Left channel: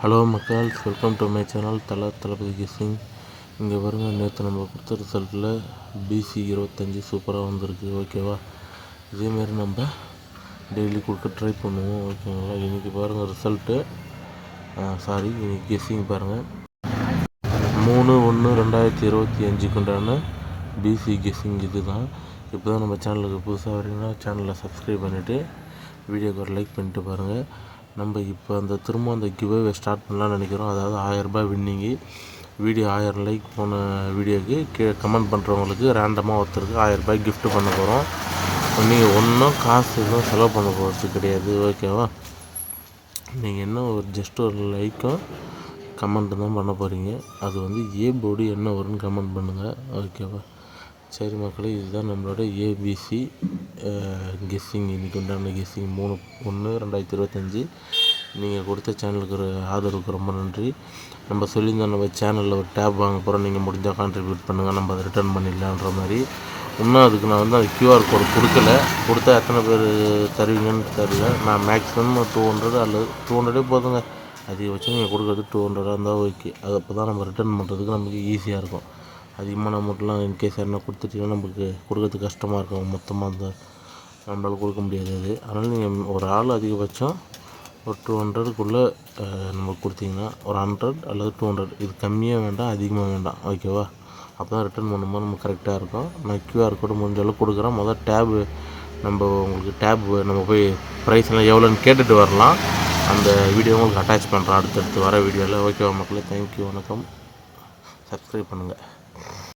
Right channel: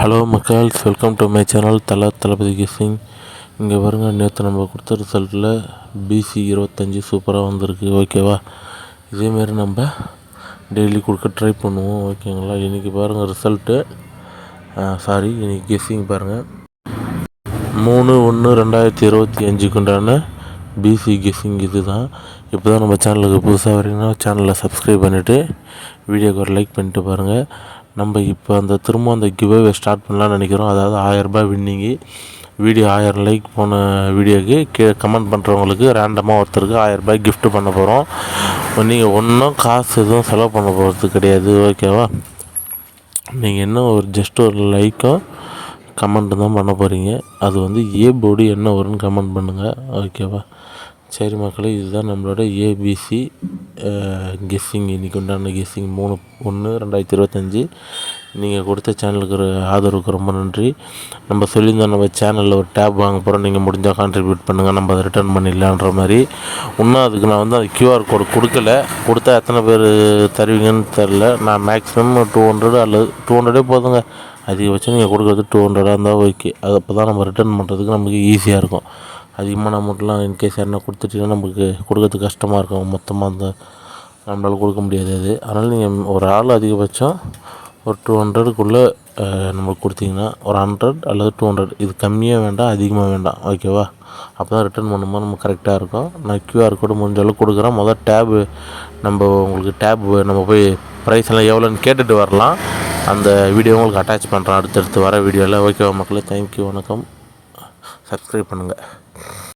Hello மக்கள்ஸ், welcome to my channel Thalapathy guessing. இங்கே பாருங்க, நேற்று நம்ம கொடுத்த ரிசல்ட்டில் பிசி 25 சூப்பராக வந்திருக்கு. ஓகேவா? இதேமாரி நம்ம டெய்லி கொடுக்க ட்ரை பண்ணுவோம். ஓகேங்களா? இன்றைக்கி பாருங்கள் ரிசல்ட்டு, இன்றைக்கி கெஸ்ஸிங் பாருங்கள். 3/1/2025 உண்டான பிசி கெஸ்ஸிங் இது தான். இப்போ தான் நம்ம சேனலுக்கு புதுசாக வரீங்கன்னா சேனலை சப்ஸ்கிரைப் பண்ணிவிட்டு வீடியோக்கு ஒரு லைக் பண்ணிட்டு பாருங்கள். நம்ம இப்போ திரும்ப அந்த கிவ்அவே ஸ்டார்ட் பண்ணலான்னு நினைக்கிறோம். அதாவது 1000 ரூபாய் வின்னிங்கு. வீடியோ 1000 லைக் போன வீடியோக்கு கீழே கமெண்ட் பண்ணுறவங்களுக்கு ரேண்டமாக ஒருத்தருக்கு 1000 ரூபாய் கிஃப்ட் பண்ண போகிறோம். நீங்கள் ஒன்றும் காசு எதுவும் செலவு பண்ண போகிறது கிடையாது. ஓகேவா? நீங்கள் என்ன ஜஸ்ட் ஒரு லைக்கும் கமெண்ட்டு தான் பண்ண போகிறீங்க. அது ஏ போர்டு என்ன வரும்னு கமெண்ட் பண்ணுங்கள். ஓகேவா? சரி மக்களே, இதுதான் நம்மளோட ஏபிசி கெஸ்ஸிங். இன்றைக்கி உண்டான கெஸ்ஸிங் 3/1/2025. நீங்கள் கொடுத்த சேனலுக்கு ஆதரவுக்கு ரொம்ப நன்றி. நம்ம சொல்லியிருந்தோம் நம்ம சேனலில் ஒரு டேப் வாங்க போகிறோம், நீங்கள் முடிஞ்சால் கான்ட்ரிபியூட் பண்ணுங்கள், நம்ம அதை ரிட்டர்ன் பண்ணிடலான்ற மாதிரி. இன்னும் அதுக்கு நான் அந்த QR கோடு கொடுத்தா எத்தனை பேர் தருவீங்கன்னு தெரில. நான் மேக்ஸிமம் 200 அல்லது 200 போதுங்க. அதிகபட்சம் நீங்கள் கொடுக்குறது 200 இருந்தால் ஓகே. அது அப்போ தான் நம்ம ரிட்டர்ன் பண்ணுறதுக்கு நமக்கு ஈஸியாக இருக்கும். அதிகமான அமௌண்ட்லாம் இன்கேஸ் யாருன்னா கொடுத்துட்டிங்கன்னா நமக்கு கொடுக்கறதுக்கு கஷ்டமாக இருக்கும். மொத்தமாக நம்மளால் கொடுக்க முடியாது அது. அதனால் நீங்கள் ஒரு ஆள் அதிகபட்சம் ஒரு 200க்குள்ளே நம்மளுக்கு கொடுத்தீங்கன்னா ஒரு 100 அல்லது 200, இது கம்மியாக வேண்டாம், அதிகமாக வேண்டாம். ஓகேவா? அப்போ தான் ரிட்டர்ன் பண்ணும்போது நமக்கு கரெக்டாக இருக்கும். நான் QR கோடு முடிஞ்ச அளவுக்கு கொடுக்குறேன். டேபு உங்களுக்கு நம்ம போய் ப்ரைஸ் எல்லாம் எவ்வளோன்னு கேட்டுட்டு வரலாம். அந்த வீடியோ உங்களுக்கு அட்டாச் பண்ணுறேன் அடுத்தடுத்து வர வீடியோவில். ஓகேவா மக்களே? தேங்க்யூ, வணக்கம். சப்ஸ்கிரைப் பண்ணுங்கள்.